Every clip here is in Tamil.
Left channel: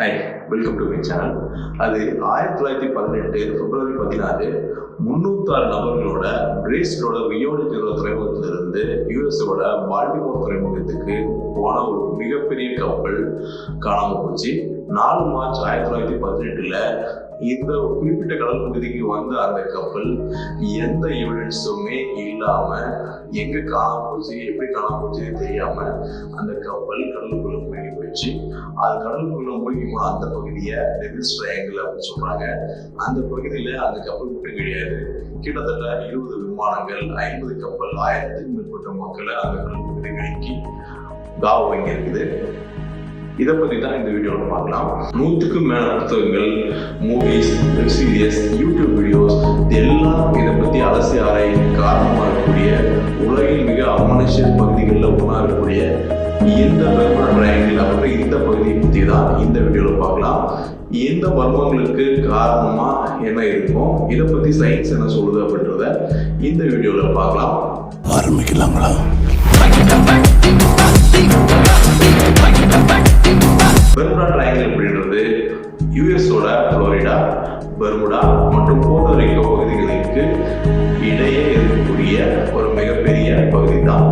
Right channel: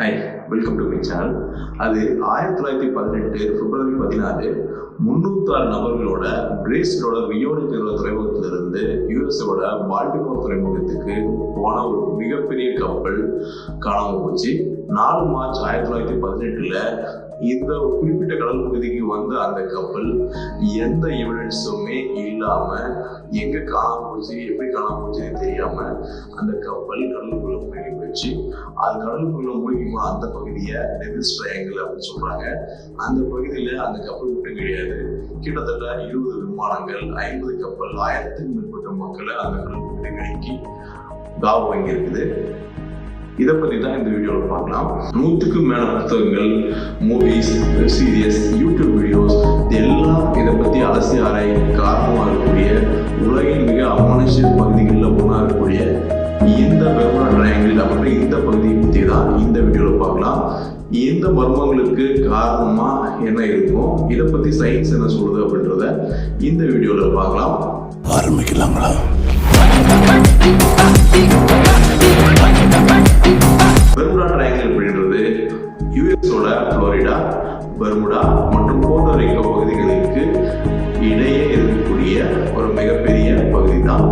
Hi, welcome to my channel. அது 1918 பிப்ரவரி 14 306 நபர்களோட பிரேசிலோட ரியோ டி ஜெனீரோ துறைமுகத்திலிருந்து யுஎஸோட பால்டிமோர் துறைமுகத்துக்கு போன ஒரு மிகப்பெரிய கப்பல் காணாமல் போச்சு. 4 மார்ச் 1918 இந்த குறிப்பிட்ட கடல் பகுதிக்கு வந்த அந்த கப்பல் எந்த எவிடன்ஸுமே இல்லாம எங்க காணாம போச்சு, எப்படி காணாம போச்சுன்னு தெரியாம அந்த கப்பல் கடலுக்குள்ள மூழ்கி போயிடுச்சு. அது கடலுக்குள்ள மூழ்கி போன அந்த பகுதியை டெவில்ஸ் ட்ரையாங்கிள் அப்படின்னு சொல்றாங்க. அந்த பகுதியில அந்த கப்பல் மட்டும் கிடையாது, கிட்டத்தட்ட 20 விமானங்கள், 50 கப்பல், 1000க்கும் மேற்பட்ட மக்களை அந்த கடல் பகுதிக்கு காவு வாங்கி இருக்குது. இதை பத்தி தான் இந்த வீடியோல பார்க்கலாம். 100க்கும் மேல புத்தகங்கள், movies, web series, YouTube videos எல்லாம் இதை பத்தி அலசி ஆராய் காரணமாக இருக்கக்கூடிய உலகின் மிக அமானுஷ்ய பகுதிகளில் ஒன்றா இருக்கக்கூடிய இந்த பெர்முடா ட்ரையாங்கிள் அப்படின்ற இந்த பகுதியை பற்றி தான் இந்த வீடியோல பார்க்கலாம். இந்த மர்மங்களுக்கு காரணமா என்ன இருக்கும், இதை பத்தி சயின்ஸ் என்ன சொல்லுது அப்படின்றத இந்த வீடியோல பார்க்கலாம். ஆரம்பிக்கலாங்களா? பெர்முடா ட்ரையாங்கிள் அப்படின்றது யுஎஸோட புளோரிடா, பெர்முடா மற்றும் போர்ட்டோரிக்கோ பகுதிகளுக்கு இடையே இருக்கக்கூடிய ஒரு மிகப்பெரிய பகுதி தான்,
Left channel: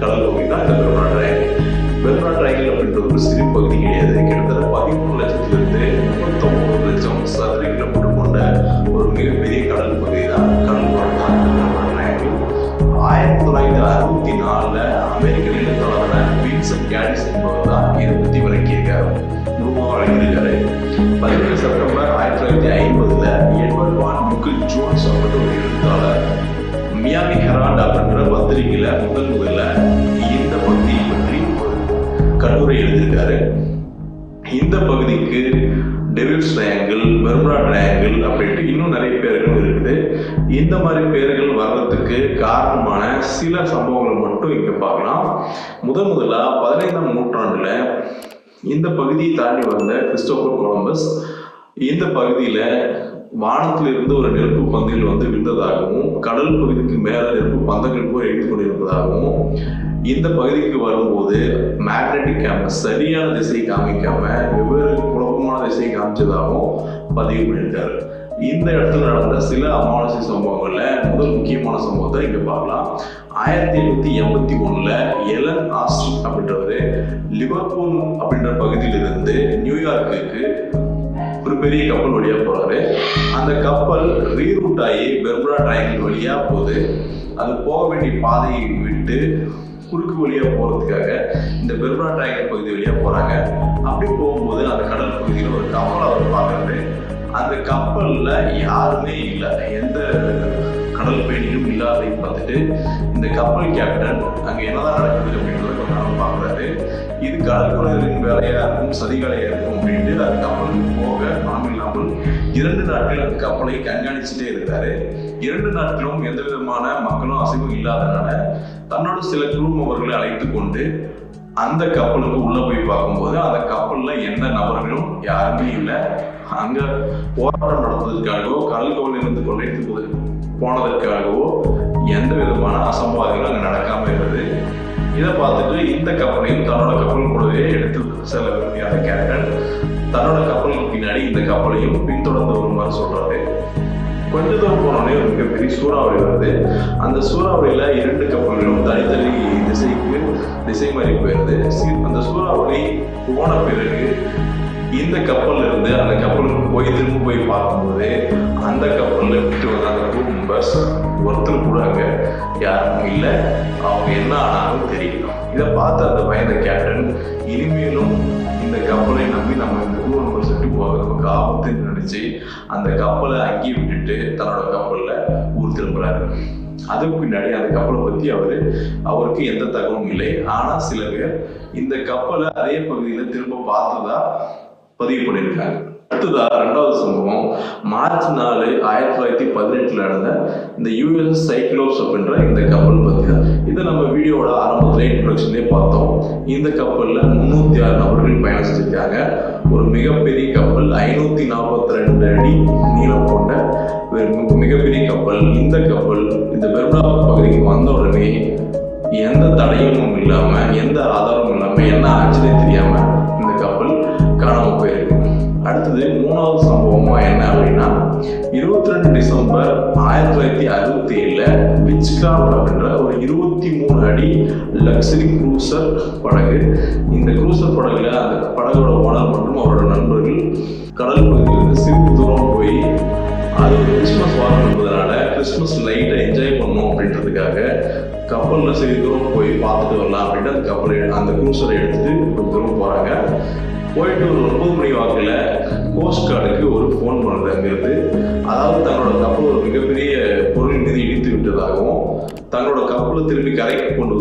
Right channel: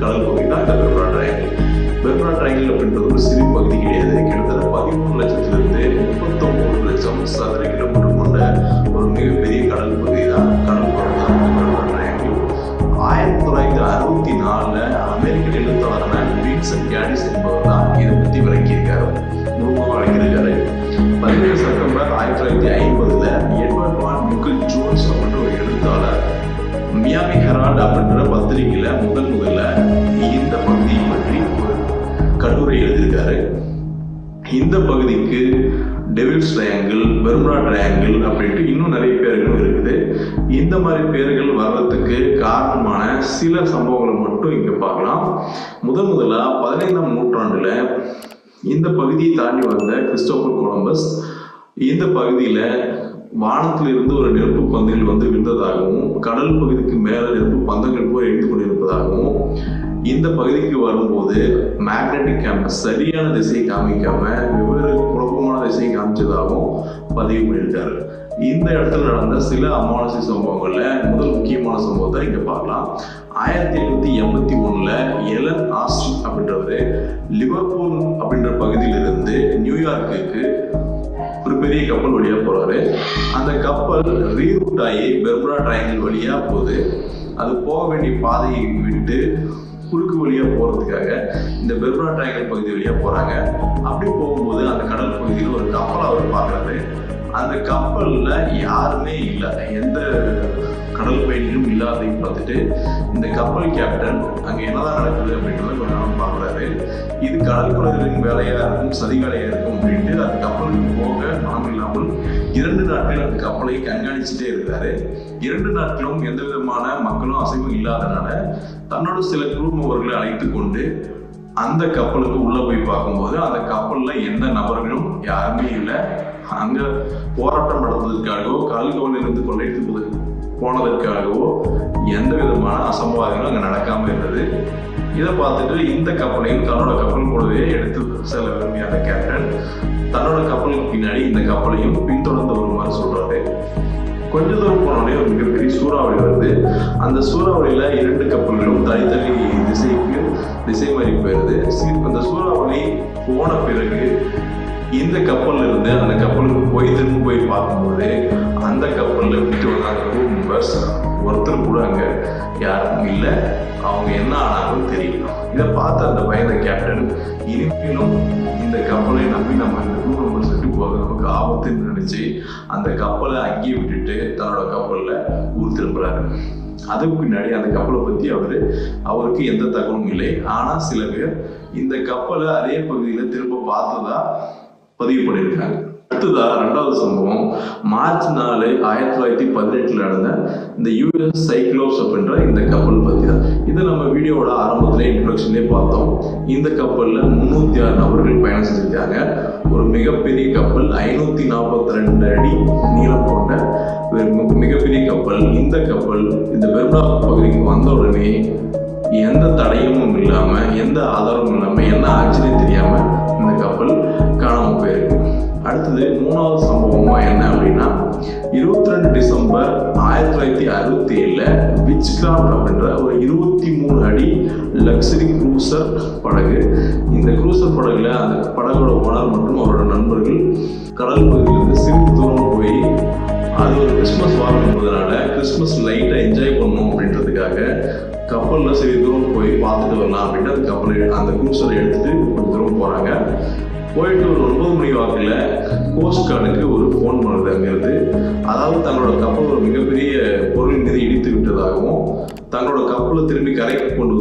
கடல் பகுதி தான் இந்த பெர்முடா ட்ரையாங்கிள். பெர்முடா ட்ரையாங்கிள் அப்படின்றது ஒரு சிறு பகுதி கிடையாது. கிட்டத்தட்ட 13 லட்சத்திலிருந்து 39 லட்சம் சதுர கிலோமீட்டர் கொண்ட ஒரு மிகப்பெரிய கடல் பகுதி தான், கடல் பகுதி தான் பெர்முடா ட்ரையாங்கிள். 1964 அமெரிக்க எழுத்தாளரான வின்சென்ட் கேடிஸ் என்பவர் தான் இதை பற்றி விளக்கியிருக்காரு, முழுமையாக விளக்கியிருக்காரு. 17 செப்டம்பர் 1950 எட்வர்ட் வான் மிக்கிள் ஜோன்ஸ் அப்படின்ற ஒரு எழுத்தாளர் மியாமி ஹெரால்ட் அப்படின்ற பத்திரிகையில முதல்ல இந்த பகுதியை பற்றி ஒரு கட்டுரை எழுதியிருக்காரு. இந்த பகுதிக்கு டெவில்ஸ் ட்ரையாங்கிள், பெர்முடா ட்ரையாங்கிள் அப்படின்ட்டு இன்னும் நிறைய பேர்கள் இருக்குது. இந்த மாதிரி பேர்கள் வர்றதுக்கு காரணமான சில சம்பவங்களை மட்டும் இங்க பார்க்கலாம். முதலா 15ஆம் நூற்றாண்டுல இந்த பகுதியை தாண்டி வந்த கிறிஸ்டோபர் கொலம்பஸ் இந்த பகுதியில வானத்திலிருந்து ஒரு நெருப்பு பந்துகள் விழுந்ததாகவும், கடல் பகுதிக்கு மேல நெருப்பு பந்தங்கள் போய் எழுந்து கொண்டிருப்பதாகவும், இந்த பகுதிக்கு வரும்போது மேக்னெட்டிக் கேம்பஸ் சரியான திசை காமிக்காம வெவ்வேறு குழப்பமான திசை காமிச்சதாகவும் பதிவு பண்ணியிருக்காரு. இந்த இடத்துல நடந்த சில அமானுஷ்ய சம்பவங்கள்ல முதல் முக்கியமான சம்பவத்தை இங்க பார்க்கலாம். 1881 எலன் ஆஸ்டின் அப்படின்றவரு லிவர்பூல் அப்படின்ற பகுதியிலிருந்து நியூயார்க்குக்கு ஒரு பெரிய கப்பல் வழியா போறாரு. அந்த கப்பல் ரீரூட் ஆகி பெர்முடா ட்ரையாங்கிள் வழியா போகுது. அது போக வேண்டிய பாதையை விட்டு குறுக்கு வழியா போறதுக்காக இந்த பெர்முடா ட்ரையாங்கிள் பகுதி வழியா போறாங்க. அப்படி போகும்போது அந்த கடல் பகுதியில் ஒரு கப்பல் அவர் பார்க்கறாரு. அந்த கப்பல்ல யாருமே இல்லை, எந்த கடல் பயணிகளும் இல்லாதையும் பார்த்துட்டு இந்த கப்பல் கேப்டன் அங்க என்னதான் நடக்குது அப்படின்றத கொஞ்ச நாள் பார்க்குறாரு. இது கடல் கொள்ளையரின் வேலையா இருக்கும், சதிகாலையா இருக்கும் அப்படின்ட்டு அந்த கப்பலுக்கு போக மனம் இல்லாமல் 2 நாட்கள் அந்த கப்பலை கண்காணிச்சுட்டே இருக்கிறாரு. 2 நாட்களும் எந்த விதமான மக்களும் அசைவும் இல்லாதனால தன்னோட சில குழுமவர்களை அழைத்து கொண்டு அந்த கப்பலுக்கு உள்ள போய் பார்க்கும்போது அந்த கப்பல்ல எந்த நபர்களும் யாருமே இல்லை. அங்க போராட்டம் நடத்துவதற்காகவோ கடல் கவலிலிருந்து கொள்ளையடித்து போனதற்காகவோ எந்த விதமான அசம்பாவிதங்களும் அங்க நடக்காம இருந்தது. இதை பார்த்துட்டு இந்த கப்பலையும் தன்னோட கப்பல் கூடவே எடுத்து செல்ல விரும்பிய அந்த கேப்டன் தன்னோட கப்பலுக்கு பின்னாடி இந்த கப்பலையும் பின்தொடர்ந்து வருமாறு சொல்றாரு. கொஞ்ச தூரம் போனோடனே ஒரு மிகப்பெரிய சூறாவளி வருது. அந்த சூறாவளியில 2 கப்பல்களும் தனித்தனி திசை மாறி போயிருது. அந்த சூறாவளி போன பிறகு இந்த கப்பல்ல இருந்து அந்த கப்பலுக்கு திரும்ப போய் பார்க்கும்போது அந்த கப்பல்ல விட்டு வந்த அந்த crew members ஒருத்தர் கூட அங்க யாரும் இல்லை. அவங்க என்ன ஆனாலும் தெரியல. இதை பார்த்து அந்த பயந்த கேப்டன் இனிமேலும் இந்த கப்பலை நம்பி நம்ம இந்த crew members விட்டு போக நமக்கு ஆபத்துன்னு நினைச்சு அந்த கப்பலை அங்கேயே விட்டுட்டு தன்னோட கப்பல்ல ஊர் திரும்புறாரு. அதுக்கு பின்னாடி அந்த கப்பலை பத்தி அவருக்கு எந்த தகவலும் இல்லை. ஆனா சில பேர் இந்த கப்பலை அதே பகுதியில திரும்ப பார்த்ததா பதிவு பண்ணியிருக்காங்க. அடுத்ததா 2வது சம்பவம் மார்ச் 4, 1918 நடந்த இந்த யூஎஸ் சைக்ளோப்ஸ் அப்படின்ற இந்த கப்பல் பத்தி தான். இதை நம்ம வீடியோவோட ஆரம்பத்திலே இன்ட்ரோடக்ஷன்லேயே பார்த்தோம். இந்த கப்பல்ல 306 நபர்கள் பயணம் செஞ்சிருக்காங்க. ஒரு மிகப்பெரிய கப்பல், 542 அடி நீளம் கொண்ட மிகப்பெரிய கப்பல். இந்த கப்பல் இந்த பெர்முடா பகுதிக்கு வந்த உடனே எந்த தடையும் இல்லாம, எந்த ஆதாரமும் இல்லாம, என்ன ஆச்சுன்னே தெரியாம இந்த கப்பல் காணாமல் போயிருக்கு. அடுத்தது மூணாவது சம்பவமா என்ன அப்படின்னா 22 டிசம்பர் 1967 விச்கிராஃப்ட் அப்படின்ற ஒரு 23 அடி லக்ஸரி க்ரூசர் படகு. இந்த க்ரூசர் படகுல அந்த படகோட ஓனர் மற்றும் அவரோட நண்பர்கள் கடல் பகுதியிலிருந்து சிறிது தூரம் போய் அது ஒரு கிறிஸ்மஸ் வாரம் என்பதனால கிறிஸ்மஸ் லைட்டை என்ஜாய் பண்ணணும் அப்படின்றதுக்காக கப்பலில் சிறிது தூரம் போய் பார்த்துட்டு வரலாம் அப்படின்ட்டு அந்த க்ரூசரை எடுத்துட்டு கொஞ்சம் தூரம் போகிறாங்க. போயிட்டு ஒரு 9 மணி வாக்கில் கோஸ்ட் கார்டுக்கு ஒரு ஃபோன் பண்ணுறது அங்கிருந்து. அதாவது தங்களோட கப்பல் ஒரு மிகப்பெரிய பொருள் மீது இடித்து விட்டதாகவும் தங்களோட கப்பலை திரும்பி கரைக்கு கொண்டு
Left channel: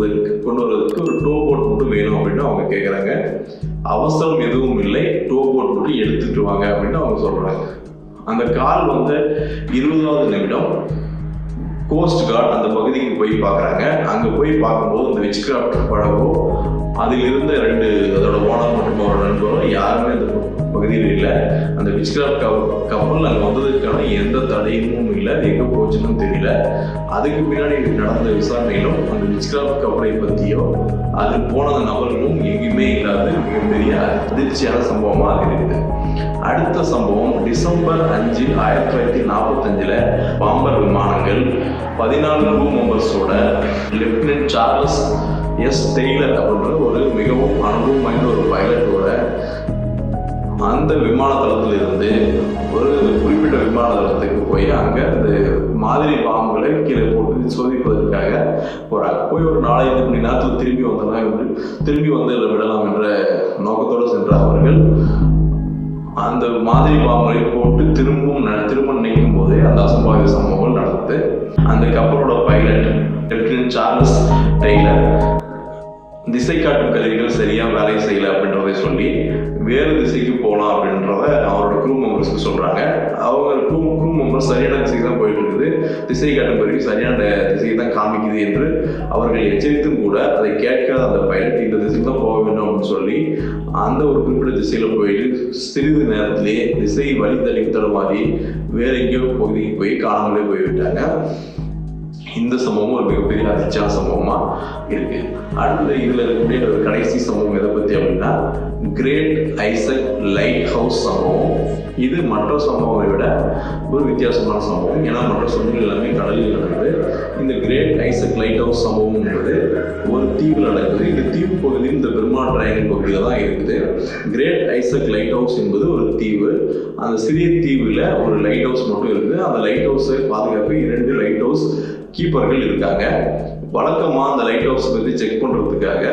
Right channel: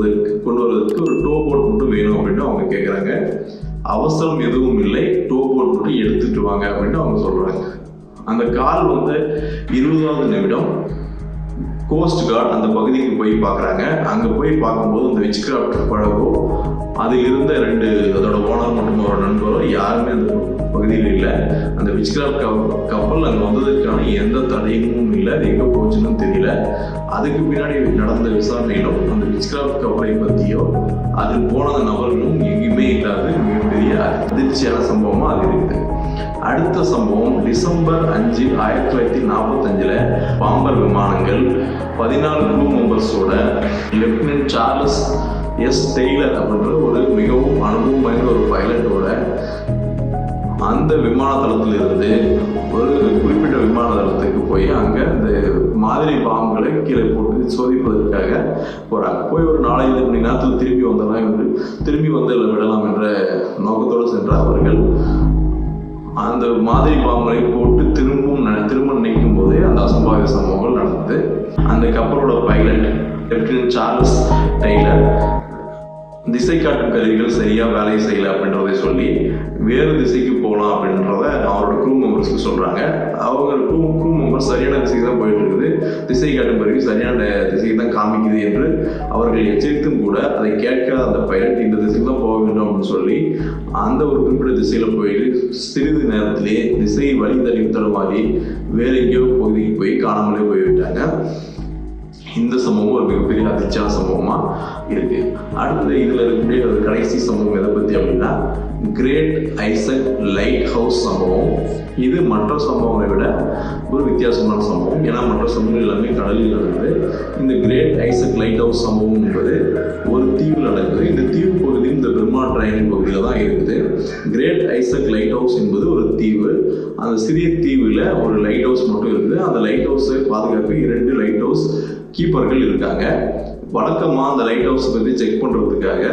வரதுக்கு ஒரு டோ போட் மட்டும் வேணும் அப்படின்னு அவங்க கேட்குறாங்க. அவசரம் எதுவும் இல்லை, டோ போட் மட்டும் எடுத்துட்டு வாங்க அப்படின்னு அவங்க சொல்கிறாங்க. அந்த கால் 20வது நிமிடம் கோஸ்ட் கார்டு அந்த பகுதிக்கு போய் பார்க்குறாங்க. அங்கே போய் பார்க்கும்போது அந்த விச்கிராஃப்ட் படகோ அதில் இருந்த அதோட ஓனர் மற்றும் அவரோட நண்பரோ யாருமே அந்த பகுதியில் இல்லை. அந்த விச்கிராஃப்ட் கப்பல் அங்கே வந்ததுக்கான எந்த தடையும் இல்லை, அது எங்கே போச்சுன்னு தெரியல. அதுக்கு பின்னாடி நடந்த விசாரணையிலும் அந்த விச்கிராஃப்ட் கப்பலை பற்றியோ அதில் போன நபர்களும் எங்கேயுமே இல்லாத மிகப்பெரிய அதிர்ச்சியான சம்பவமாக அது இருக்குது. அடுத்த சம்பவம் டிசம்பர் 5, 1945 பாம்பர் விமானங்கள் 14 க்ரூ மெம்பர்ஸோட லெப்டினன்ட் சார்லஸ் எஸ் டெய்லர் அப்படின்ற ஒரு மிகவும் அனுபவம் வாய்ந்த ஒரு பைலட்டோட அந்த விமான தளத்திலிருந்து ஒரு குறிப்பிட்ட விமான தளத்துக்கு போய் அங்கே அந்த மாதிரி பாம்புகளை கீழே போட்டு சோதிப்பதற்காக போகிறாங்க. போய் ஒரு 4-5 மணி நேரத்தில் திரும்பி வந்து விடலாம் என்ற நோக்கத்தோடு சென்ற அவர்கள் அந்த மாதிரி பாம்புகளை போட்டு திரும்ப நினைக்கும் போதே அந்த அசம்பாவித சம்பவங்கள் நடந்தது. அந்த கப்பலோட பைலட் லெப்டினன்ட் சார்லஸ் டெய்லர் திசை காட்டும் கருவிகள் சரியா வேலை செய்யல அப்படின்றதை சொல்லி வேறு திசைக்கு போகலாம் அப்படின்றத அவரோட க்ரூ மெம்பர்ஸ்க்கு சொல்றாங்க. அவங்க க்ரூ மெம்பர்ஸ் சரியான திசைக்கு தான் போயிட்டு இருக்குது, திசை காட்டும் கருவி சரியான திசையை தான் காமிக்குது என்று அவர்கள் எச்சரித்தும் கூட அதை கேட்காத அந்த பைலட் இந்த திசைக்கு தான் போக வேண்டும் அப்படின்னு சொல்லி அந்த ஒரு குறிப்பிட்ட திசையில போயிட்டு சிறிது நேரத்திலே திசை வழி தடுமாறி வேற எங்கேயோ பகுதிக்கு போய் காணாமலே போய்விட்டாங்க. இந்த சம்பவம் ஒரு மிகப்பெரிய அதிர்ச்சியான சம்பவமா இருக்கு. அடுத்தது இதுல இருக்கக்கூடிய ஒரு கடைசி சம்பவம் எதை பத்தி அப்படின்னா கிரேட் ஐசக் லைட் ஹவுஸ் சம்பவம். இது மற்ற சம்பவங்களை விட ஒரு வித்தியாசமான சம்பவம். ஏன்னா மற்ற சம்பவங்கள் எல்லாமே கடலில் நடந்தது. இந்த கிரேட் ஐசக் லைட் ஹவுஸ் சம்பவம் என்பது ஒரு தீவில் நடக்குது. இந்த தீவு பகுதி இந்த பெர்முடா ட்ரையாங்கிள் பகுதியில் தான் இருக்குது. கிரேட் ஐசக் லைட் ஹவுஸ் என்பது ஒரு தீவு. அந்த சிறிய தீவில் ஒரு லைட் ஹவுஸ் மட்டும் இருக்குது. அந்த லைட் ஹவுஸை பாதுகாப்பு 2 லைட் ஹவுஸ் கீப்பர்கள் இருக்காங்க. வழக்கமாக அந்த லைட் ஹவுஸ் பற்றி செக் பண்ணுறதுக்காக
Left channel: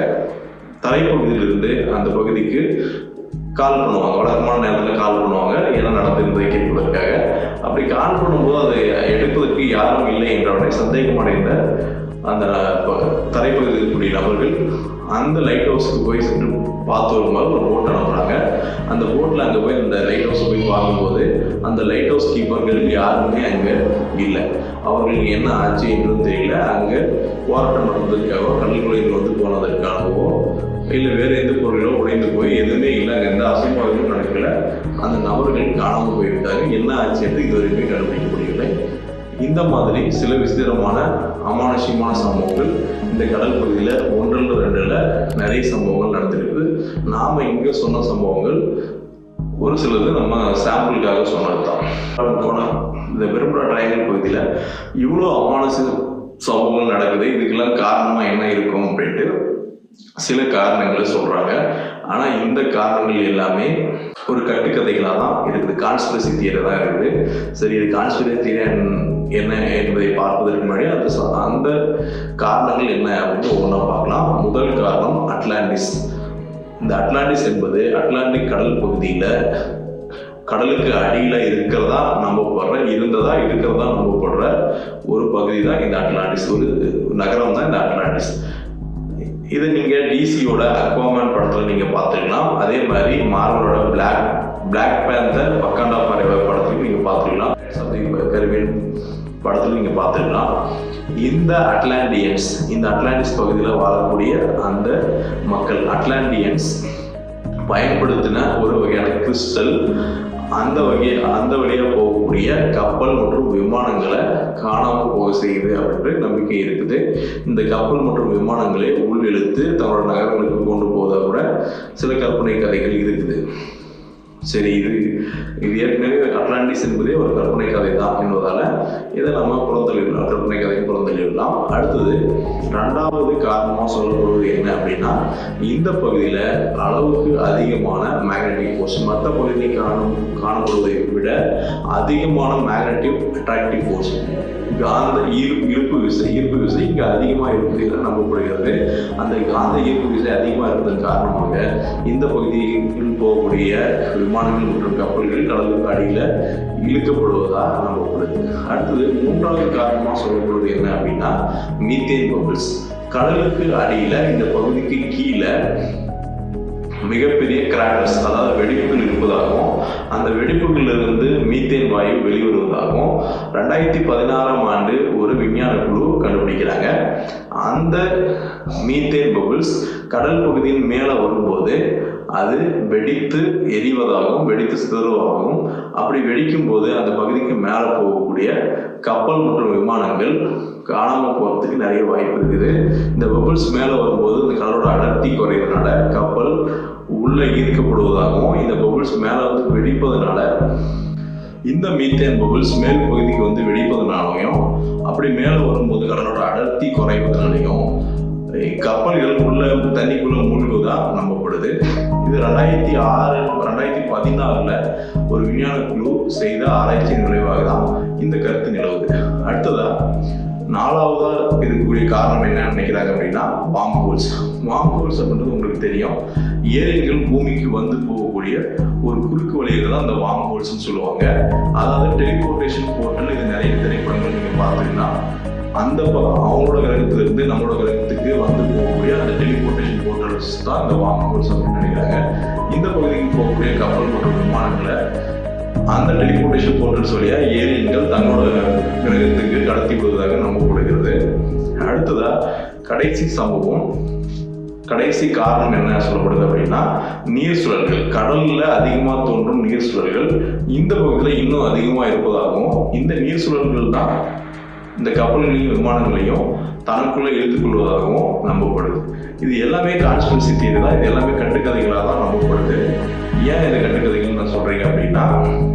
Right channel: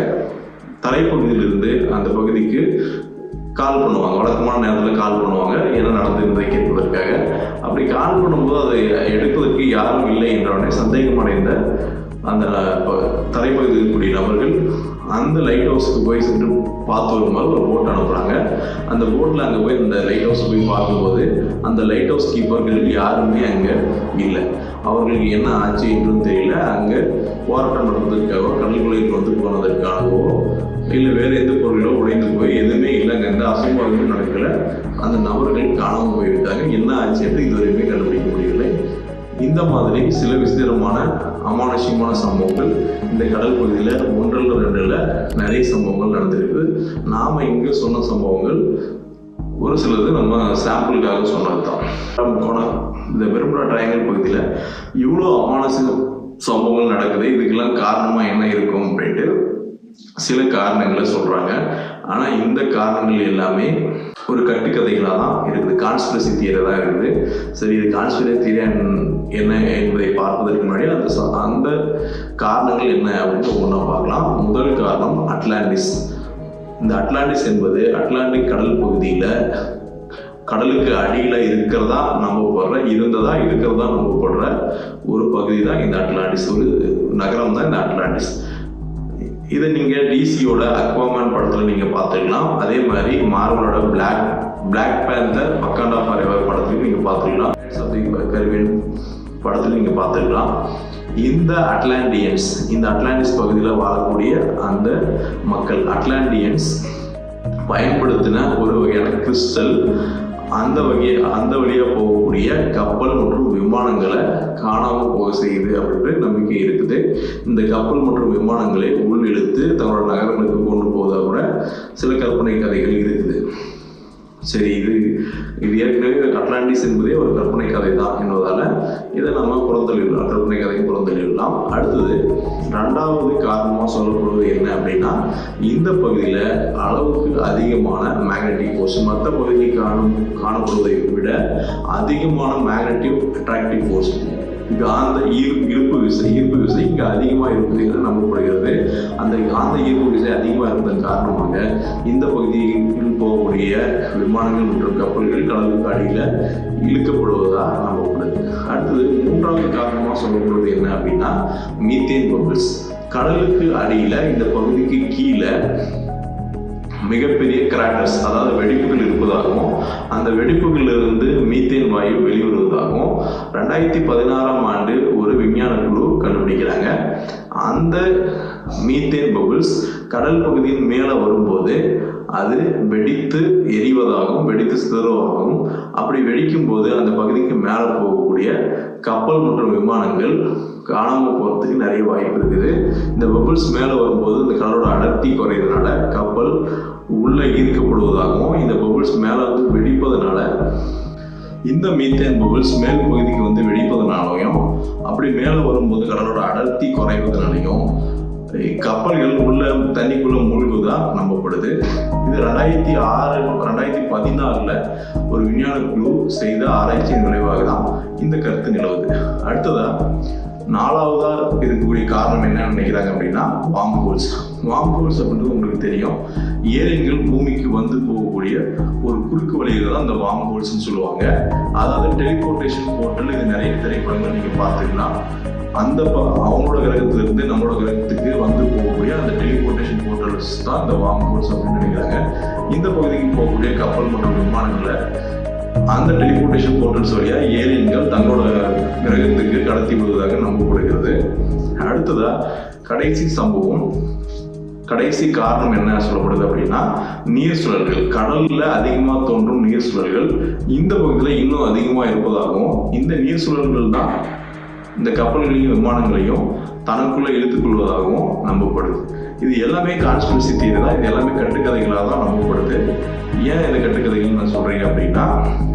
தரைப்பகுதியிலிருந்து அந்த பகுதிக்கு கால் பண்ணுவாங்க. வழக்கமான நேரத்தில் கால் பண்ணுவாங்க, என்ன நடந்திருந்ததை கேட்பதற்காக. அப்படி கால் பண்ணும்போது அதை எடுப்பதற்கு யாரும் இல்லை என்றவனை சந்தேகம் அடைந்த அந்த தரைப்பகுதியில் இருக்கக்கூடிய நபர்கள் அந்த லைட் ஹவுஸுக்கு போய் சென்று பார்த்து வரும்போது ஒரு போட் அனுப்புகிறாங்க. அந்த போட்டில் அங்கே போய் அந்த லைட் ஹவுஸை போய் பார்க்கும்போது அந்த லைட் ஹவுஸ் கீப்பர்கள் யாருமே அங்கே இல்லை. அவர்களுக்கு என்ன ஆச்சு என்றும் தெரியல. அங்கே போராட்டம் நடந்ததற்காகவோ கடற்கரையில் போனதற்காகவோ இல்லை வேறு எந்த பொருளோ உடைந்து போய் எதுவுமே இல்லை, அங்கே எந்த அசம்பாவிதமும் நடக்கல. அந்த நபர்கள் காணாமல் போய்விட்டாங்க. என்ன ஆச்சு என்று இதுவரையுமே கண்டுபிடிக்க முடியவில்லை. இந்த மாதிரி சில விசித்திரமான அமானுஷ்யமான சம்பவங்கள் இந்த கடல் பகுதியில் 1-2 நிறைய சம்பவங்கள் நடந்திருக்கு. நாம் இங்கே சொன்ன சம்பவங்கள் ஒரு சிலது நம்ம சாம்பிளுக்காக சொன்னது தான். இந்த பெர்முடா ட்ரையாங்கிள் பகுதியில் இவ்வளோ அமானுஷ்ய சம்பவங்கள் நடக்குது, இதுக்கெல்லாம் காரணமாக என்ன இருக்கும் அப்படின்ட்டு சில காரணங்களை சொல்கிறாங்க. ஆனால் இந்த காரணங்கள் எல்லாமே ஒரு கட்டுக்கதைகளாக தான் இருக்குது, கான்ஸ்பிரசி தியரி தான் இருக்குது. சரி, இது கான்ஸ்பிரசி தியரி என்ன என்பதை பார்ப்பதற்கு முன்னாடி அந்த காரணங்கள் என்ன அப்படின்னு ஒவ்வொன்றா பார்க்கலாம். முதல் காரணம் அட்லாண்டிஸ். இந்த அட்லாண்டிஸ் என்பது அட்லாண்டிக் கடல் பகுதியில் கடலுக்கு அடியில் இருக்கிறதா நம்பப்படுற ஒரு பகுதி தான் இந்த அட்லாண்டிஸ். ஒரு நகரம் தான் இந்த அட்லாண்டிஸ். இதை நீங்கள் டிசியோட அக்வாமேன் படத்தில் நீங்கள் பார்த்துக்கலாம். அதே மாதிரி மார்வலோட பிளாக் பேந்தர் வக்காண்டா ஃபாரெவர் படத்துலையும் நீங்கள் பார்த்துக்கலாம். கரிபியன் படத்தில் நீங்கள் பார்த்துக்கலாம். இந்த அட்லாண்டிஸ் பகுதியில் வாழக்கூடிய அந்த மக்கள் அட்லாண்டியன்ஸ் பயன்படுத்தின ஒரு வகையான கிறிஸ்டல் அந்த வழியாக போகக்கூடிய கப்பல் மற்றும் விமானங்களை காணாமல் போக செய்யுது அப்படின்ற நம்பிக்கை இருக்குது. இந்த கப்பல் மற்றும் விமானங்களை உள் இழுத்து தங்களோட நகரங்களுக்கு கொண்டு போவதாக கூட சில கற்பனை கதைகள் இருக்குது. சரி, இது ஏற்கனவே அட்லாண்டிஸ் என்பதே ஒரு கற்பனை கதை தான் என்பதால் இதை நம்ம புறந்தள்ளிடலாம், கற்பனை கதையும் புறந்தள்ளிடலாம். அடுத்தது 2வது காரணமாக சொல்லப்படுவது என்ன அப்படின்னா, இந்த பகுதியில் அளவுக்கு அதிகமான மேக்னெட்டிக் ஃபோர்ஸ், மற்ற பகுதியில் காணப்படுவதை விட அதிகமான மேக்னெட்டிக் அட்ராக்டிவ் ஃபோர்ஸ், காந்த ஈர்ப்பு விசை இங்கே அதிகமாக இருக்குது என நம்பப்படுகிறது. அந்த காந்த ஈர்ப்பு விசை அதிகமாக இருப்பதன் காரணமாக இந்த பகுதியில் போகக்கூடிய விமானங்கள் மற்றும் கப்பல்கள் கடலுக்கு அடியில் இழுக்கப்படுவதாக நம்பப்படுது. அடுத்தது 3வது காரணமாக சொல்லப்படுவது என்ன அப்படின்னா, மீத்தேன் பபிள்ஸ். கடலுக்கு அடியில் இந்த பகுதிக்கு கீழே மிகப்பெரிய கிராக்கர்ஸ், அதாவது வெடிப்புகள் இருப்பதாகவும் அந்த வெடிப்புகளிலிருந்து மீத்தேன் வாயு வெளிவருவதாகவும் 2016ஆம் ஆண்டு ஒரு விஞ்ஞான குழு கண்டுபிடிக்கிறாங்க. அந்த மீத்தேன் பபிள்ஸ் கடல் பகுதியின் மேலே வரும்போது அது வெடித்து எரிவதாகவும் வெடித்து சிதறுவதாகவும், அப்படி வெடிக்கும் போது அந்த பகுதிக்கு மேலே போகக்கூடிய கப்பல் மற்றும் விமானங்கள் காணாமல் போகிறதுக்கு நிறைய வாய்ப்பு இருக்குது. இந்த பபிள்ஸ் மேலே வரும்போது இந்த கடலோட அடர்த்தி குறையிறதுனால கப்பல் உள்ளே ஈர்க்கப்படுவதாகவும், இந்த பபிள்ஸ் மேலே வெடிப்பதனால இந்த மீத்தேன் பபிள்ஸ் மேல் பகுதிக்கு வெடிப்பதனாலையும், அப்படி மேலே வரும்போது கடலோட அடர்த்தி குறைவதனாலையும் கப்பல்கள் உள்ள தண்ணிக்குள்ள மூழ்குவதா நம்பப்படுது. இது 2016 ஒரு விஞ்ஞான குழு செய்த ஆராய்ச்சியின் விளைவாக தான் இந்த கருத்து நிலவுது. அடுத்ததா 4வதா இருக்கக்கூடிய காரணம் என்னன்னு நினைக்கிறாங்க அப்படின்னா, வார்ம் ஹோல்ஸ். வார்ம் ஹோல்ஸ் அப்படின்றது உங்களுக்கு தெரியும், ஏலியன்கள் பூமிக்கு வந்து போகக்கூடிய ஒரு குறுக்கு வழிகள் தான் இந்த வார்ம் ஹோல்ஸ்ன்னு சொல்லுவாங்க. அதாவது டெலிபோர்டேஷன் போர்ட்டல், இது நிறைய திரைப்படங்கள் நீங்க பார்த்துக்கலாம். அந்த அவங்களோட கிரகத்திலிருந்து நம்மளோட கிரகத்துக்கு வந்து போகக்கூடிய அந்த டெலிபோர்டேஷன் போர்ட்டல்ஸ் தான் இந்த வார்ம் ஹோல்ஸ் அப்படின்னு நினைக்கிறாங்க. இந்த பகுதிக்கு போகக்கூடிய கப்பல் மற்றும் விமானங்களை அந்த டெலிபோர்டேஷன் போர்ட்டல்ஸ் வழியா ஏலியன்கள் தங்களோட கிரகத்துக்கு கடத்தி விடுவதாக நம்பப்படுகிறது. அடுத்ததா கடைசி சம்பவம், கடைசி காரணம் என்ன சொல்லப்படுது அப்படின்னா, நீர் சுழல்கள். கடல்ல அதிகமா தோன்றும் நீர் சுழல்கள் இந்த பகுதியில் இன்னும் அதிகமா இருப்பதாகவும், இந்த நீர் சுழல்கள் தான் இந்த கப்பல்களையும் விமானங்களையும் தனக்குள்ள இழுத்துக்கொள்வதாகவும் நம்பப்படுது. இது எல்லாமே கான்ஸ்பிரசி தியரி தான், இது எல்லாமே கட்டுக்கதைகளாக தான் நம்பப்படுது. ஏன் இந்த கட்டுக்கதைகள் நான் சொல்றேன் அப்படின்னா,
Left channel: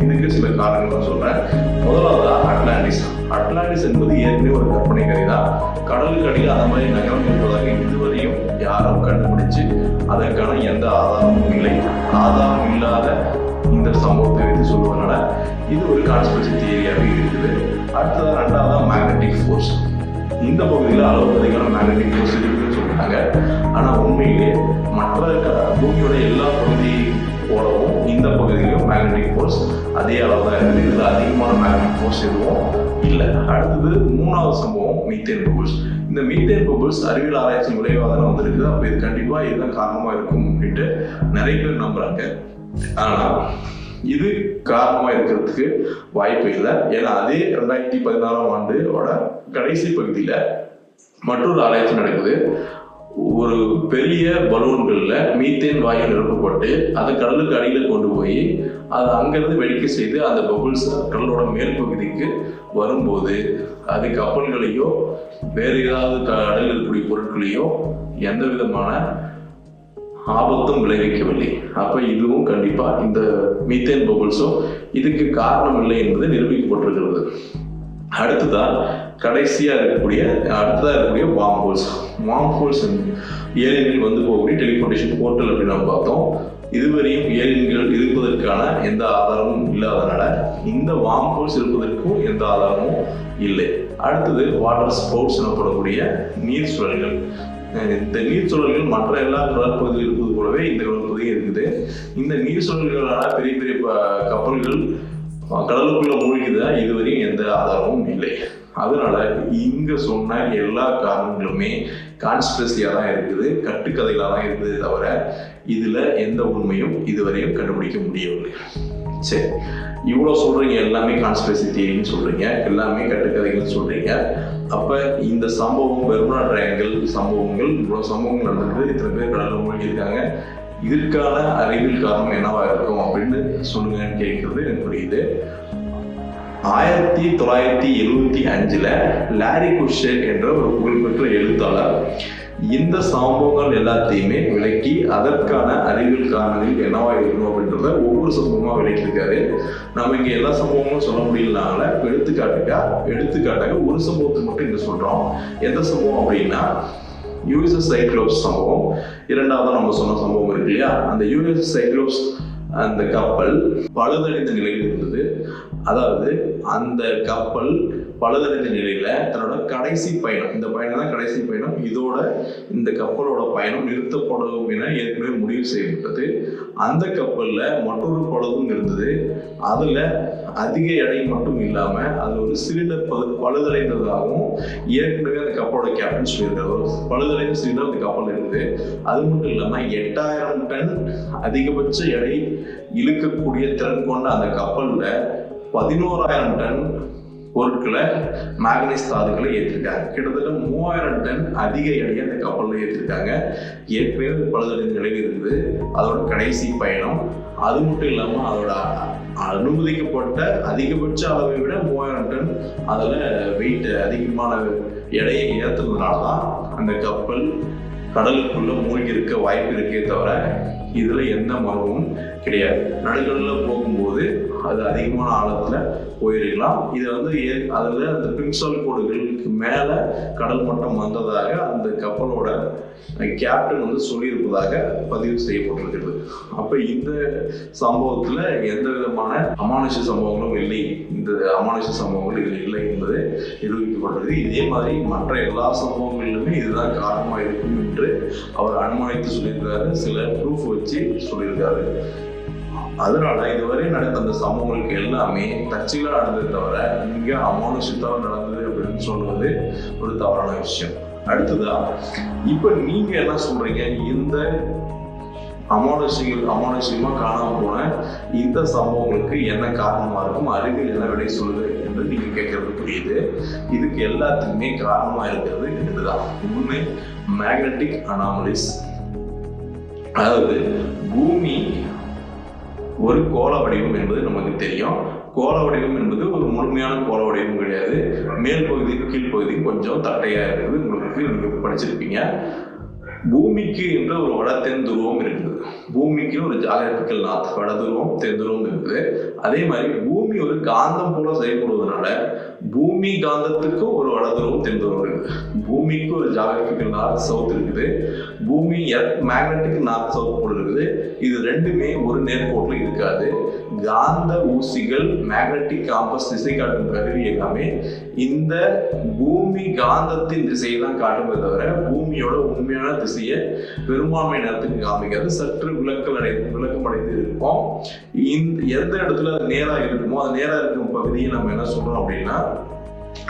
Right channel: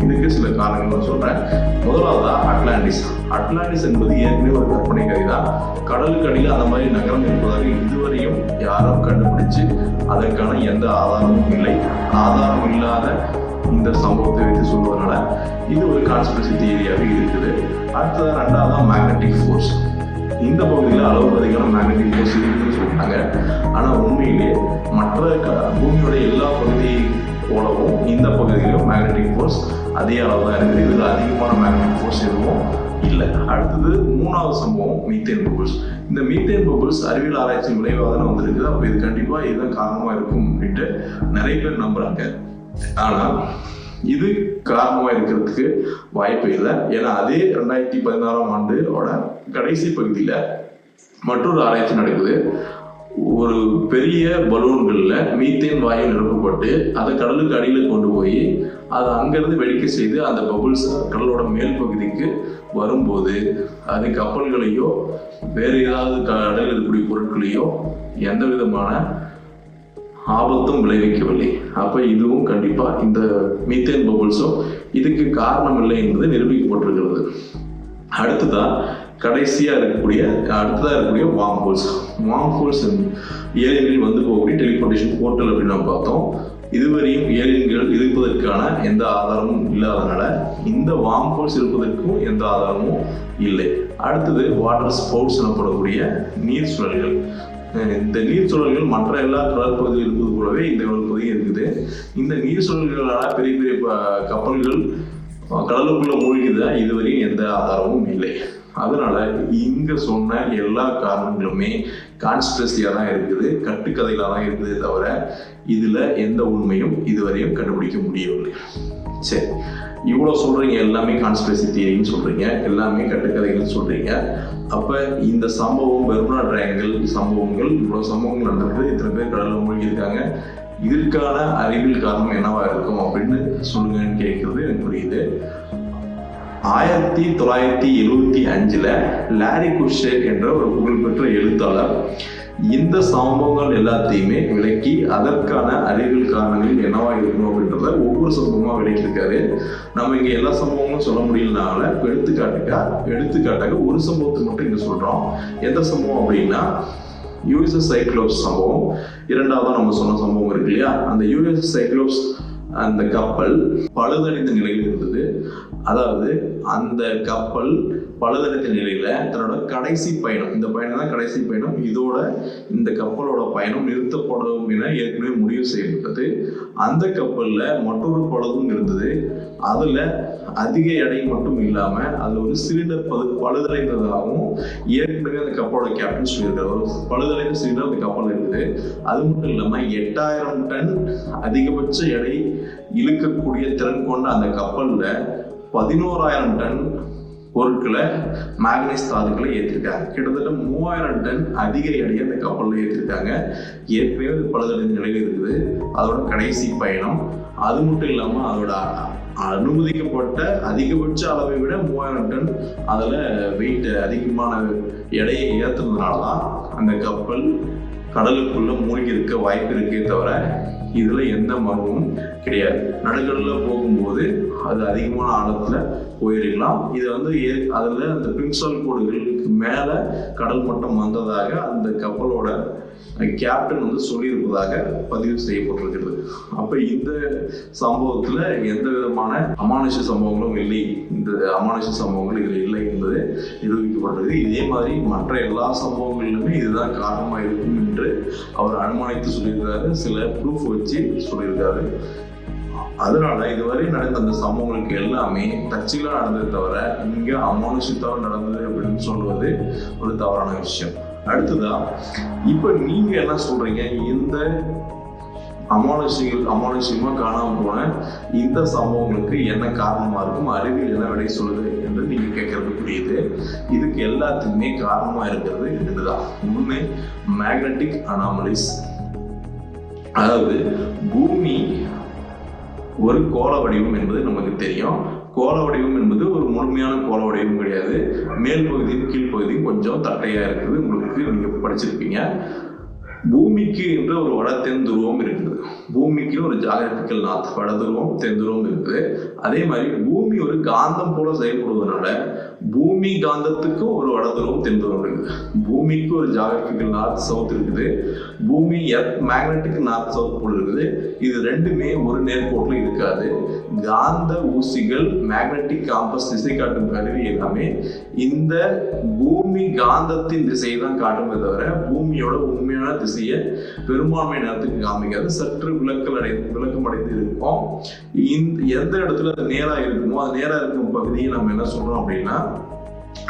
இதுக்கு சில காரணங்கள் நான் சொல்றேன். முதலாவதா அட்லாண்டிஸ் என்பது ஏற்கனவே ஒரு கற்பனை கதை தான். கடலுக்கு அடியில் அந்த மாதிரி நகரம் இருப்பதாக இதுவரையும் யாரும் கண்டுபிடிச்சு அதற்கான எந்த ஆதாரமும் இல்லை. ஆதாரம் இல்லாத இந்த சம்பவத்தை வைத்து சொல்வதனால இது ஒரு கான்ஸ்பிரசி தியரியாகவே இருக்குது. அடுத்தது 2வதா மேக்னெட்டிக் ஃபோர்ஸ். இந்த பகுதியில் அளவுக்கு அதிகமான மேக்னெட்டிக் ஃபோர்ஸ் இருக்குன்னு சொல்றாங்க. ஆனால் உண்மையிலே மற்ற பூமியோட எல்லா பகுதியை போலவும் இந்த பகுதியிலும் மேக்னெட்டிக் ஃபோர்ஸ் அதே அளவு தான் இருக்குது. இதில் அதிகமான மேக்னெட்டிக் ஃபோர்ஸ் எதுவும் இல்லை. அடுத்தது 3வது சம்பவம் மீத்தேன் பபிள்ஸ். இந்த மீத்தேன் பபிள்ஸ் அறிவியல் ஆராய்ச்சி விளைவாக தானே வந்திருக்குது. அப்போ இது கண்டிப்பாக இதுதான் காரணமாக இருக்கும் அப்படின்ட்டு நிறைய பேர் நம்புறாங்க. ஆனால் இது காரணமாக இருக்கிறதுக்கு வாய்ப்பு இல்லை. ஏன்னா அதே 2016ஆம் ஆண்டோட கடைசி பகுதியில் மற்றொரு ஆராய்ச்சி நடக்குது. ஒரு பெரிய பலூன்களில் மீத்தேன் வாயு நிரப்பப்பட்டு அதை கடலுக்கு அடியில் கொண்டு போய் அதை அங்கேருந்து வெடிக்க செய்து அந்த பபுள்ஸ் கடலோட மேல் பகுதிக்கு வரும்போது அது கப்பல்களையோ வேறு ஏதாவது கடலில் இருக்கக்கூடிய பொருட்களையோ எந்த விதமான ஆபத்தும் விளைவிக்கவில்லை. அப்போ இதுவும் கண்டிப்பாக இந்த மீத்தேன் பபுள்ஸும் இதுக்கு காரணம் இல்லை என்பது நிரூபிக்கப்பட்டிருக்கிறது. அடுத்ததாக இருக்கக்கூடிய வார்ம் ஹோல்ஸ் ஏலியன்கள் வந்து போகக்கூடிய டெலிபோர்டேஷன் போர்ட்டல் அப்படின்னு நம்ம பார்த்தோம். இதுவரையும் ஏலியன்கள் இருப்பதற்கான எந்த ஆதாரமும் இல்லாதனால இந்த வார்ம் ஹோல்ஸ் இருப்பதற்கும் எந்த ஆதாரமும் இல்லை. அடுத்தது வாட்டர் ஸ்பவுட்ஸ் எனப்படக்கூடிய நீர் சுழல்கள். இந்த நீர் சுழல்கள் மற்ற எல்லா கடற்பகுதியில் இருப்பது போலவே இந்த கடற்பகுதியும் இருக்குது. இந்த நீர் சுழல்களான பெரிய பெரிய கப்பல்கள் கடலுக்குள்ள மூழ்கிதா இதுவரையும் எந்த ஆதாரமும் இல்லை. அதனால இங்க சொன்ன எல்லா காரணங்களுமே கான்ஸ்பிரசியா தான் இருக்குது, கட்டுக்கதைகளா தான் இருக்குது தவிர இதுல எந்த உண்மையும் இதுவரையும் கண்டுபிடிக்க முடியவில்லை. சரி, இவ்வளோ சொல்றீங்க, எல்லாமே கான்ஸ்பிரசி தியரின்னு சொல்றீங்க, எல்லாமே கட்டுக்கதைகள் சொல்றீங்க. அப்ப இந்த சம்பவம் பெர்முடா ட்ரையாங்கிள் சம்பவங்கள், இவ்வளவு சம்பவங்கள் நடந்திருக்கு, இத்தனை பேர் கடல்ல மூழ்கி இருக்காங்க, இதற்கான அறிவியல் காரணம் என்னவா இருக்கும் அப்படின்னு சொல்லுங்கன்னு கேட்கறது எனக்கு புரியுது. 1975 லாரி குஷர் என்ற ஒரு புகழ்பெற்ற எழுத்தாளர் இந்த சம்பவங்கள் எல்லாத்தையுமே விளக்கி அதற்கான அறிவியல் காரணங்கள் என்னவா இருக்கணும் அப்படின்றத ஒவ்வொரு சம்பவமா விளக்கியிருக்காரு. நம்ம இங்க எல்லா சம்பவங்களும் சொல்ல முடியலனால எடுத்துக்காட்டாக ஒரு சம்பவத்தை மட்டும் இங்க சொல்றோம். எந்த சம்பவம் அப்படின்னா யூஎஸ்எஸ் சைக்ளோப்ஸ் சம்பவம். இரண்டாவது நம்ம சொன்ன சம்பவம் இருக்கு இல்லையா, அந்த யூஎஸ்எஸ் சைக்ளோப்ஸ் அந்த கப்பல் பழுதடைந்த நிலையில் இருந்தது. அதாவது அந்த கப்பல் பழுதடைந்த நிலையில தன்னோட கடைசி பயணம், இந்த பயணம் தான் கடைசி பயணம், இதோட இந்த கப்பலோட பயணம் நிறுத்தப்படும் என ஏற்கனவே முடிவு செய்யப்பட்டது. அந்த கப்பல்ல மற்றொரு பழுதும் இருந்தது. அதுல அதிக எடை மட்டும் இல்லாம அதுல ஒரு சிலிண்டர் பழுதடைந்ததாகவும் ஏற்கனவே அந்த கப்பலோட கேப்டன் சொல்லியிருக்காரு. ஒரு பழுதடைந்த சிலிண்டர் அந்த கப்பல் இருக்குது. அது மட்டும் இல்லாம 8000 டன் அதிகபட்ச எடை இழுக்கக்கூடிய திறன் கொண்ட அந்த கப்பல்ல 11000 டன் பொருட்களை மேக்னீஸ் தாதுக்களை ஏற்றிருக்காங்க. கிட்டத்தட்ட 3000 டன் அதிக எடையை அந்த கப்பலில் ஏற்றிருக்காங்க. ஏற்கனவே பழுதடைந்த நிலையில் இருக்குது. அதோட கடைசி பயணம். அது மட்டும் இல்லாமல் அதோட அனுமதிக்கப்பட்ட அதிகபட்ச அளவை விட 3000 டன் அதில் வெயிட் அதிகமான எடையை ஏற்றுனதுனால தான் அந்த கப்பல் கடலுக்குள்ள மூழ்கி இருக்க வாய்ப்பு இருக்கே தவிர இதுல எந்த மர்மமும் கிடையாது. நடுக்கடலில் போகும்போது அது அதிகமான ஆழத்துல போயிருக்கலாம். இது அதுல அந்த பிரின்சால் கோடுகளுக்கு மேல கடல் மட்டம் வந்ததாக அந்த கப்பலோட கேப்டன் சொல்லியிருப்பதாக பதிவு செய்யப்பட்டிருக்கிறது. அப்ப இந்த சம்பவத்துல எந்த விதமான அமானுஷ சம்பவங்களும் இல்லை, இந்த அமானுஷ சம்பவங்கள் இதுல இல்லை என்பது நிரூபிக்கப்பட்டது. இதே மாதிரி மற்ற எல்லா சம்பவங்களிலுமே இதுதான் காரணமா இருக்கும் என்று அவர் அனுமானித்து சொல்லியிருக்காரு. சில ப்ரூஃப் வச்சு சொல்லியிருக்காரு. அதனால இதுவரை நடந்த அந்த சம்பவங்களுக்கு எல்லாமே தற்செயலா நடந்ததை தவிர இங்க அமானுஷத்தால் நடந்தது அப்படின்னு சொல்வது ஒரு தவறான விஷயம். அடுத்ததா இப்ப நீங்க என்ன சொல்றீங்க, இந்த அமானுஷமா காணாம போன இந்த சம்பவங்களுக்கு என்ன காரணமா இருக்கும், அறிவியல் என்ன விடை சொல்லுது என்று நீங்க கேட்கறது புரியுது. இதுக்கு எல்லாத்துக்குமே காரணமா இருக்கிறது இதுதான். ஒண்ணு மேக்னெட்டிக் அனாமலிஸ். அதாவது பூமி ஒரு கோள வடிவம் என்பது நமக்கு தெரியும். கோள வடிவம் என்பது ஒரு முழுமையான கோள வடிவம் கிடையாது. மேல் பகுதியும் கீழ்ப்பகுதியும் கொஞ்சம் தட்டையா இருக்குது. உங்களுக்கு நீங்க படிச்சிருப்பீங்க. பூமிக்கு என்ற ஒரு வட தென் துருவம் இருக்குது. பூமிக்கு ஒரு ஜாகிரபிக்கல் நார்த், வட துருவம் தென் துருவம் இருக்குது. அதே மாதிரி பூமி ஒரு காந்தம் போல செயல்படுவதனால பூமி காந்தத்துக்கும் ஒரு வட துருவம் தென் துருவம் இருக்குது. பூமிக்கு ஒரு ஜாகிரபிக்கல் நார்த் சவுத் இருக்குது. பூமி மேக்னெட்டிக் நார்த் சவுத் போல இருக்குது. இது ரெண்டுமே ஒரு நேர்கோட்டில் இருக்காது. காந்த ஊசிகள், மேக்னெட்டிக் காம்பஸ், திசை காட்டும் கருவி எல்லாமே இந்த பூமி காந்தத்தின் திசையை தான் காட்டுமே தவிர பூமியோட உண்மையான திசையை பெரும்பான்மை நேரத்துக்கு காமிக்காது. சற்று விளக்கம் அடைந்து இருக்கும். எந்த இடத்துல அது நேரா இருக்குமோ அது நேரா இருக்கும் பகுதியை நம்ம என்ன சொல்றோம் அப்படின்னா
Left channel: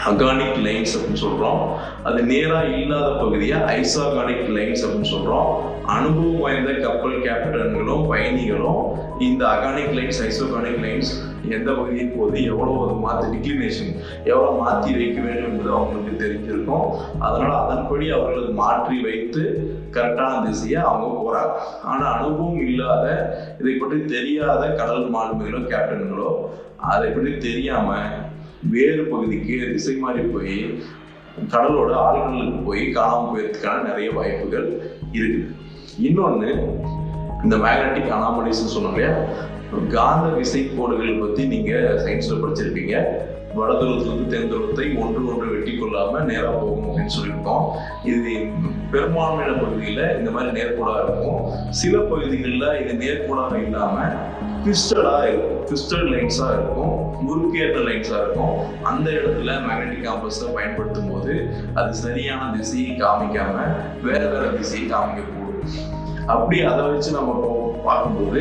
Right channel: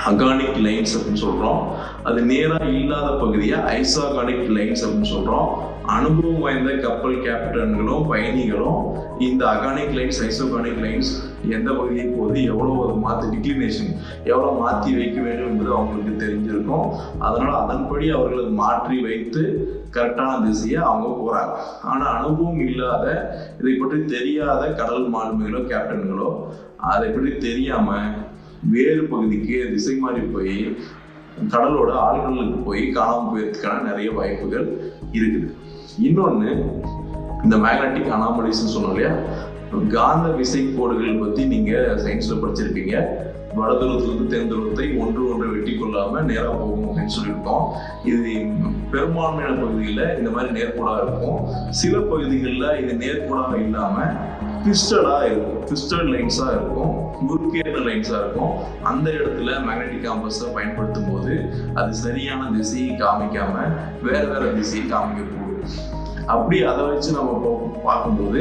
அகானிக் லைன்ஸ் அப்படின்னு சொல்றோம். அது நேரா இல்லாத பகுதியை ஐசாகானிக் லைன்ஸ் அப்படின்னு சொல்றோம். அனுபவம் வாய்ந்த கப்பல் கேப்டன்களும் பயணிகளும் இந்த அகானிக் லைன்ஸ், ஐசோகானிக் லைன்ஸ் எந்த பகுதியை போது எவ்வளவு அது மாற்றி டிக்ளினேஷன் எவ்வளவு மாற்றி வைக்க வேண்டும் என்பது அவங்களுக்கு தெரிஞ்சிருக்கும். அதனால அதன்படி அவர்கள் மாற்றி வைத்து கரெக்டான திசையை அவங்க போறாங்க. ஆனா அனுபவம் இல்லாத, இதை பற்றி தெரியாத கடல் மாலுமிகளோ கேப்டன்களோ அதை பற்றி தெரியாம வேறு பகுதிக்கு திசை மாறி போய் கடலோட ஆழ்கடலுக்கு போய் காணாமல் போயிருக்கான நிறைய வாய்ப்புகள் இருக்குது. இன்னொன்னு, இந்த மேக்னெட்டிக் அனாமலிஸ் சொன்னோம் இல்லையா, காந்த விசை கோடுகள் பத்தி நீங்க சயின்ஸ்ல படிச்சிருப்பீங்க. வட துருவத்திலிருந்து தென் துருவத்தை ஒன்று வெட்டி கொள்ளாம நேரா போகும் அப்படின்னு சொல்லியிருக்கோம். இது பெரும்பான்மையான பகுதியில இந்த மாதிரி நேர்கோடாக இருக்கும். சில பகுதிகளில் இது நேர்கோடாக இல்லாம ட்விஸ்டடா இருக்கும், ட்விஸ்டட் லைன்ஸா இருக்கும், முறுக்கேற்ற லைன்ஸா இருக்கும். அந்த இடத்துல மேக்னெட்டிக் காம்பஸை பயன்படுத்தும் போது அது சரியான திசையை காமிக்காம வேற திசையை காமிக்க கூடும். அப்படி அதை வச்சு நம்ம பார்க்கும்போது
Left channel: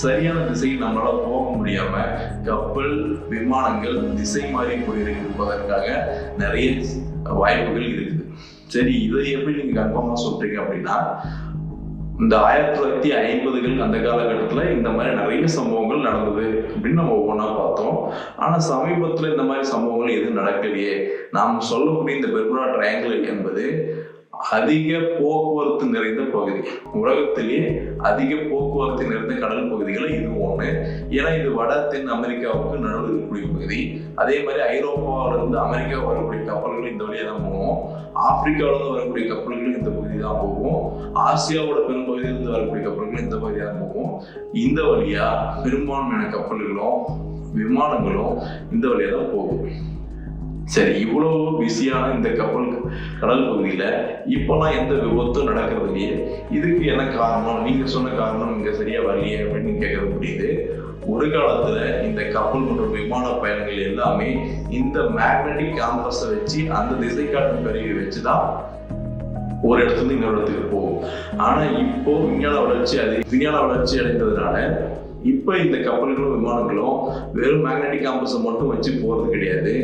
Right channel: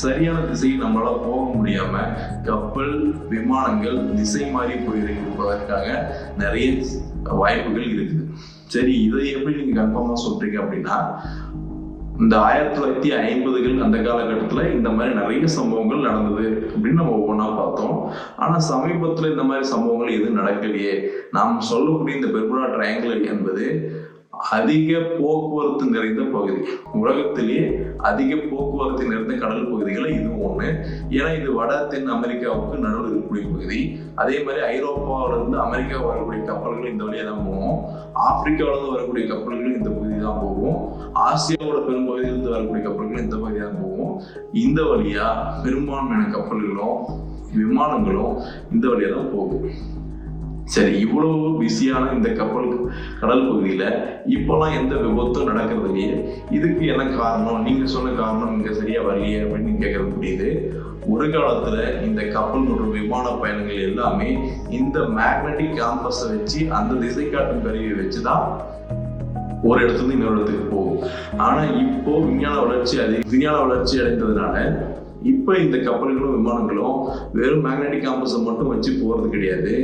சரியான திசையில் நம்மளால போக முடியாம கப்பல், விமானங்கள் திசை மாறி போயிருப்பதற்காக நிறைய வாய்ப்புகள் இருக்குது. சரி, இதை எப்படி நீங்க கன்ஃபார்மா சொல்றீங்க அப்படின்னா, இந்த 1950கள் அந்த காலகட்டத்துல இந்த மாதிரி நிறைய சம்பவங்கள் நடந்தது அப்படின்னு நம்ம ஒவ்வொன்றா பார்த்தோம். ஆனா சமீபத்துல இந்த மாதிரி சம்பவங்கள் எதுவும் நடக்கலையே. நாம் சொல்லக்கூடிய இந்த பெர்முடா ட்ரையாங்கிள் என்பது அதிக போக்குவரத்து நிறைந்த பகுதி. உலகத்திலேயே அதிக போக்குவரத்து நிறைந்த கடல் பகுதிகளை இதுவும் ஒண்ணு. ஏன்னா இது வட தென் அமெரிக்காவுக்கு நடுவில் இருக்கக்கூடிய பகுதி. அதே மாதிரி ஐரோப்பாவில இருந்து அமெரிக்கா வரக்கூடிய கப்பல்கள் இந்த வழியா தான் போகும். ஆப்பிரிக்காவில இருந்து வரக்கூடிய கப்பல்களும் இந்த பகுதி தான் போகும். ஆசியாவோட பெரும்பகுதியிலிருந்து வரக்கூடிய கப்பல்களும் இந்த பகுதியாக தான் போகும். இந்த வழியா பெரும்பான்மையான கப்பல்களும் விமானங்களும் இந்த வழியா தான் போகும். சரி, இவ்வளவு பிஸியான இந்த கடல் பகுதியில இப்பெல்லாம் எந்த விபத்தும் நடக்கிறது இல்லையே, இதுக்கு என்ன காரணம்? நீங்க சொன்ன காரணம் இங்க சரியா வரலையே அப்படின்னு கேட்கறது புரியுது. ஒரு காலத்துல இந்த கப்பல் மற்றும் விமான பயணங்கள் எல்லாமே இந்த மேக்னெட்டிக் காம்பஸை வச்சு அந்த திசை காட்டும் கருவியை வச்சுதான் ஒரு இடத்துல இருந்து இன்னொரு இடத்துக்கு போகும். ஆனா இப்போ விஞ்ஞான வளர்ச்சி அடைந்ததுனால இப்ப இந்த கப்பல்களும் விமானங்களும் வெறும் மேக்னெட்டிக் காம்பஸை மட்டும் வச்சு போறது கிடையாது.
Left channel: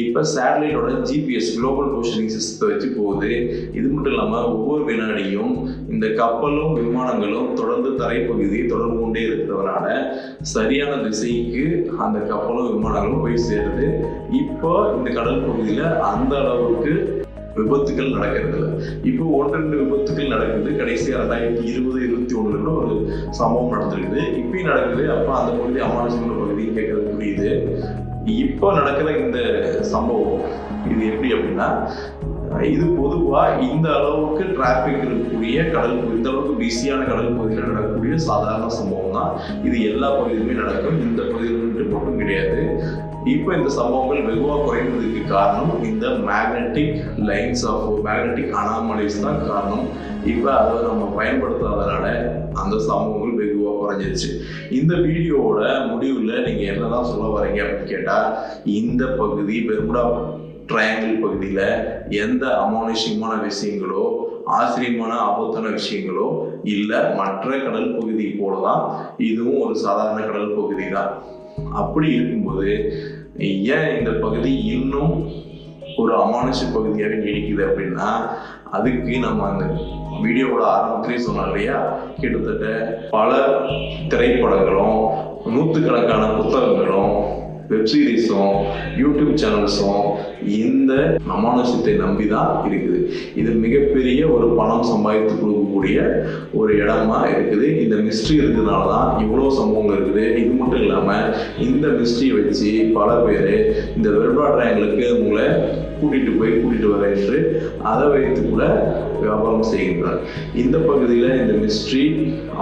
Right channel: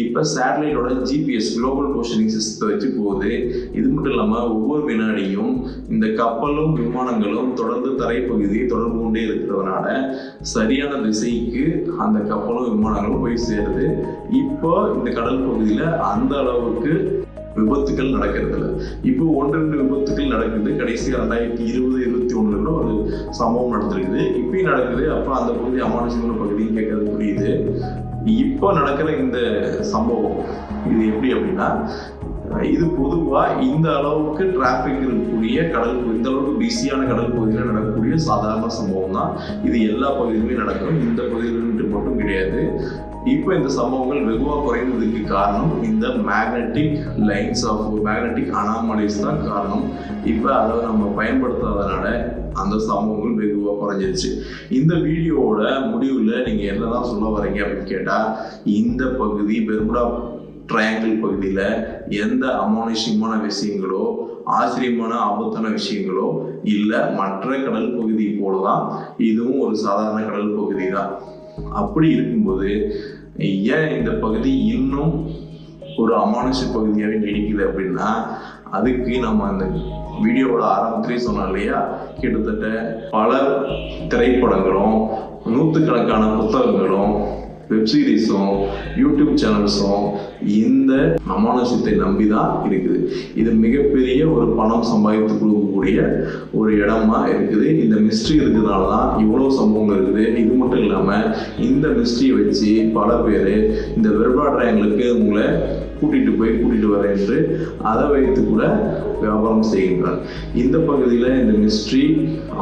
இப்ப சேட்டலைட்டோட ஜிபிஎஸ் குளோபல் பொசிஷனிங் சிஸ்டத்தை வச்சு போகுது. இது மட்டும் இல்லாம ஒவ்வொரு வினாடியும் இந்த கப்பலும் விமானங்களும் தொடர்ந்து தரைப்பகுதியை தொடர்பு கொண்டே இருக்கிறதுனால சரியான திசைக்கு அந்த கப்பலும் விமானங்களும் போய் சேருது. இப்போ இந்த கடல் பகுதியில அந்த அளவுக்கு விபத்துகள் நடக்கிறது இல்லை. இப்போ 1-2 விபத்துகள் நடக்குது. கடைசியா 2020-21 கூட ஒரு சம்பவம் நடந்திருக்குது. இப்பயும் நடக்குது. அப்ப அந்த பகுதி அமானுஷமான பகுதின்னு கேட்கறது புரியுது. இப்போ நடக்கிற இந்த சம்பவம் இது எப்படி அப்படின்னா, இது பொதுவா இந்த அளவுக்கு டிராபிக் இருக்கக்கூடிய இந்த அளவுக்கு பிஸியான கடல் பகுதியில் நடக்கக்கூடிய சாதாரண சம்பவம் தான். இது எல்லா பகுதியிலுமே நடக்கும். இந்த பகுதியில் மட்டும் கிடையாது. இப்போ இந்த சம்பவங்கள் வெகுவாக குறைந்ததுக்கு காரணம் இந்த மேக்னெட்டிக் அனாமலிஸ் தான் காரணம். இப்போ அதை நம்ம பயன்படுத்தாதனால அந்த சம்பவங்கள் வெகுவாக குறைஞ்சிருச்சு. இந்த வீடியோவோட முடிவில் நீங்க என்னதான் சொல்ல வரீங்க அப்படின்னு கேட்டா, இந்த பகுதி பெர்முடா ட்ரையாங்கிள் பகுதியில எந்த அமானுஷ்யமான விஷயங்களோ ஆச்சரியமான ஆபத்தான விஷயங்களோ இல்ல. மற்ற கடல் பகுதி போலதான் இதுவும் ஒரு சாதாரண கடல் பகுதி தான். அப்படி இருக்கும்போது ஏன் இந்த பகுதி இன்னும் ஒரு அமானுஷ்ய பகுதியாகவே நீடிக்குது அப்படின்னா, அதுக்கு நம்ம அந்த வீடியோவோட ஆரம்பத்திலே சொன்னோம் இல்லையா, கிட்டத்தட்ட பல திரைப்படங்களும் 100கணக்கான புத்தகங்களும் வெப்சீரிஸும் யூடியூப் சேனல்ஸும் இந்த அமானுஷ்யத்தை நம்பிதான் இருக்குது. இது மிகப்பெரிய ஒரு பணம் சம்பாதித்து கொடுக்கக்கூடிய ஒரு இடமா இருக்குது. இந்த மிஸ்ட்ரி இருக்கிறதுனாலதான் இவ்வளவு சம்பவங்கள் இருக்குது. இது மட்டும் இல்லாம இந்த மிஸ்ட்ரியை வச்சு பல பேர் இந்த பெர்முடா ட்ரையாங்கிளுக்கு உங்களை கூட்டிட்டு வர என்று அதை வைத்து கூட வியாபாரம் செய்கின்றனர். இந்த பகுதியில இந்த மிஸ்ட்ரி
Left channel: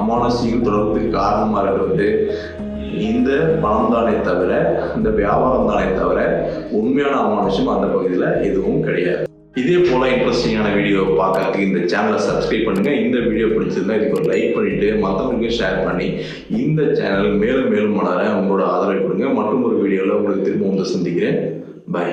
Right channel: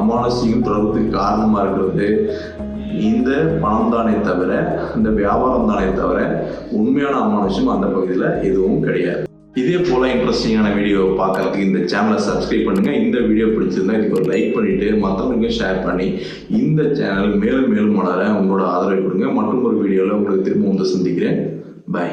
அமானுஷ்யம் தொடர்புக்கு காரணமா இருக்கிறது இந்த பணம் தானே தவிர, இந்த வியாபாரம் தானே தவிர உண்மையான அமானுஷ்யம் அந்த பகுதியில எதுவும் கிடையாது. இதே போல இன்ட்ரெஸ்டிங்கான வீடியோ பார்க்கறதுக்கு இந்த சேனலை சப்ஸ்கிரைப் பண்ணுங்க. இந்த வீடியோ பிடிச்சிருந்தா இதுக்கு ஒரு லைக் பண்ணிட்டு மற்றவங்களுக்கு ஷேர் பண்ணி இந்த சேனல் மேலும் மேலும் வளர உங்களோட ஆதரவை கொடுங்க. மற்றும் ஒரு வீடியோல உங்களுக்கு திரும்ப வந்து சந்திக்கிறேன். பை.